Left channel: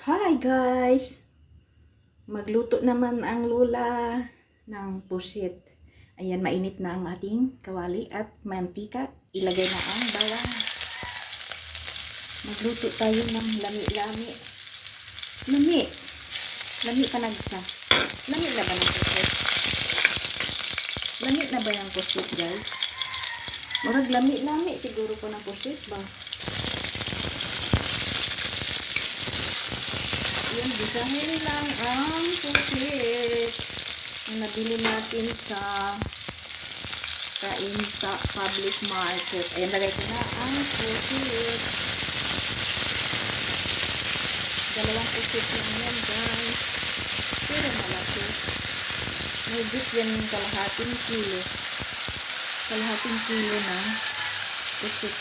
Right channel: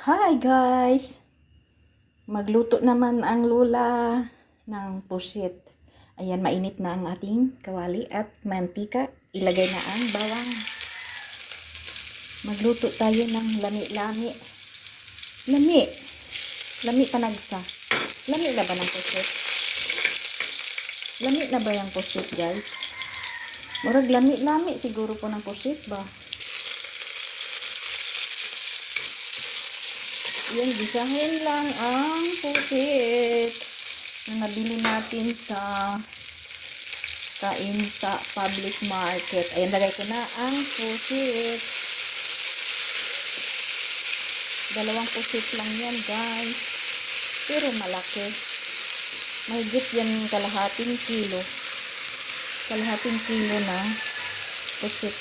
Hi guys! Magluto naman ang lola ng pusit. Ayan, mainit na ang ating kawali at mantika. Ilagay na ang bawang. Magluto tayo ng lami-lami. Lami! Lami panagsa. Lami na ba ng pusit? Lami na ba yung pusit guys? Murag lami-lami siguro po ng pusit ba? Yan, gisahin lang ang pusit na nabili natin sa public market. Ayan, lagay ko na ang pusit. Dalawang pusit lang yan guys. Pero malaki. May git yan yung kalahating kilo. Kalahating kilo na pusit.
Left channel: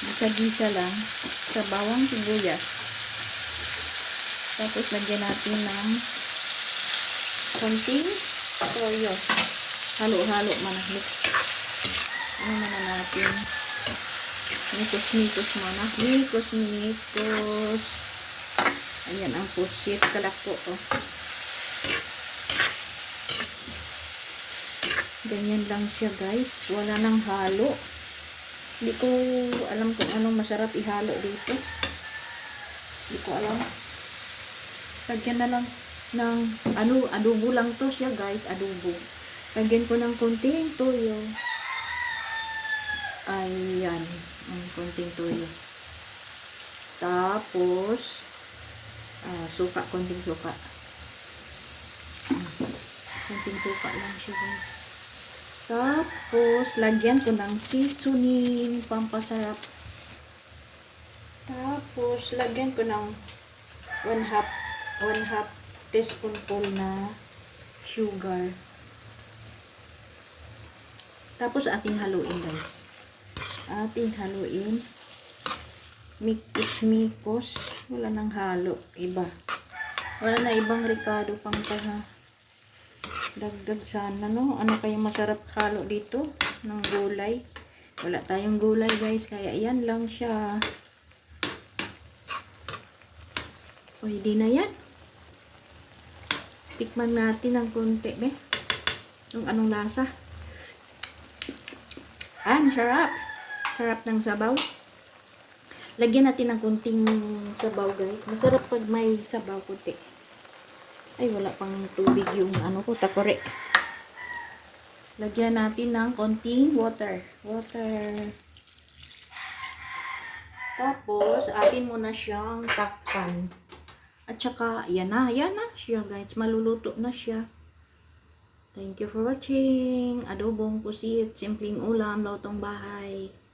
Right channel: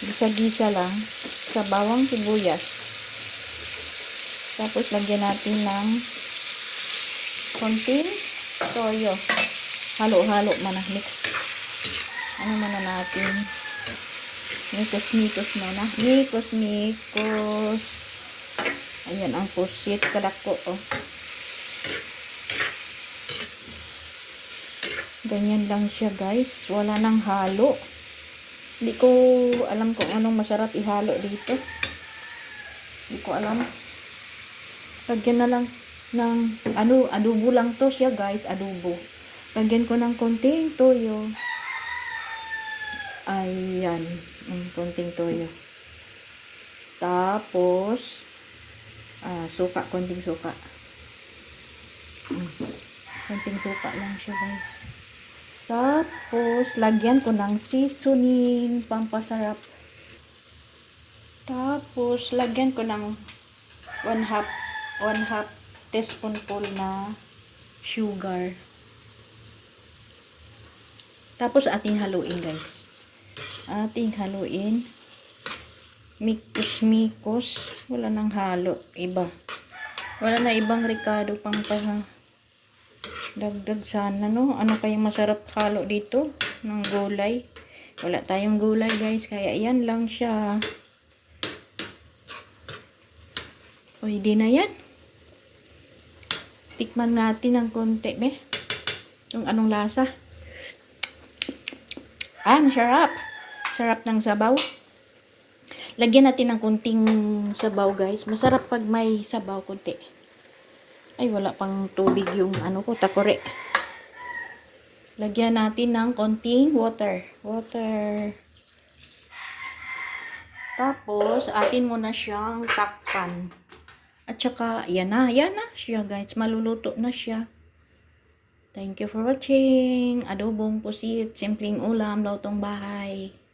Gisa-gisa lang sa bawang sibuyas. Tapos lagyan natin ng konting toyo. Halo-halo muna. Mix. Ano muna natin? Mikos-mikos muna. Mikos-mikos. Ayan ang pusit. Kalako. Oh. Ganyan lang siya guys. Wala nang halo. Hindi ko alam kung anong masarap ihalo dito. Hindi ko alam. Lagyan na lang ng adobo lang to siya guys, adobo. Lagyan ko ng konting toyo. Ayan, konting toyo. Tapos suka, konting suka. Konting suka lang siya guys. Tapos lagyan ko ng seasoning, pampasarap. Tapos lagyan ko ng 1/2 teaspoonful na sugar. Tapos ating haluin guys. Ating haluin. Mikos-mikos. Wala nang halo. Iba. Wala na ibang ricado pang dagdag sana no. Ano kayang masarap halo dito? Ng gulay. Wala tayong gulay guys. Kaya yan lang siya. Pwede na yan. Tikman natin ng konti, be. Yung anong lasa. Masarap. Sarap ng sabaw. Lagyan natin ng konting sabaw, guys. Masarap pag may sabaw konti. Ay, wala pang tubig yung ano ko, takore. Lagyan natin ng konting water. Tapos, atin muna siyang takpan. At saka, yan na siya guys. Maluluto na siya. Thank you for watching. Adobong pusit, simpleng ulam, lutong bahay.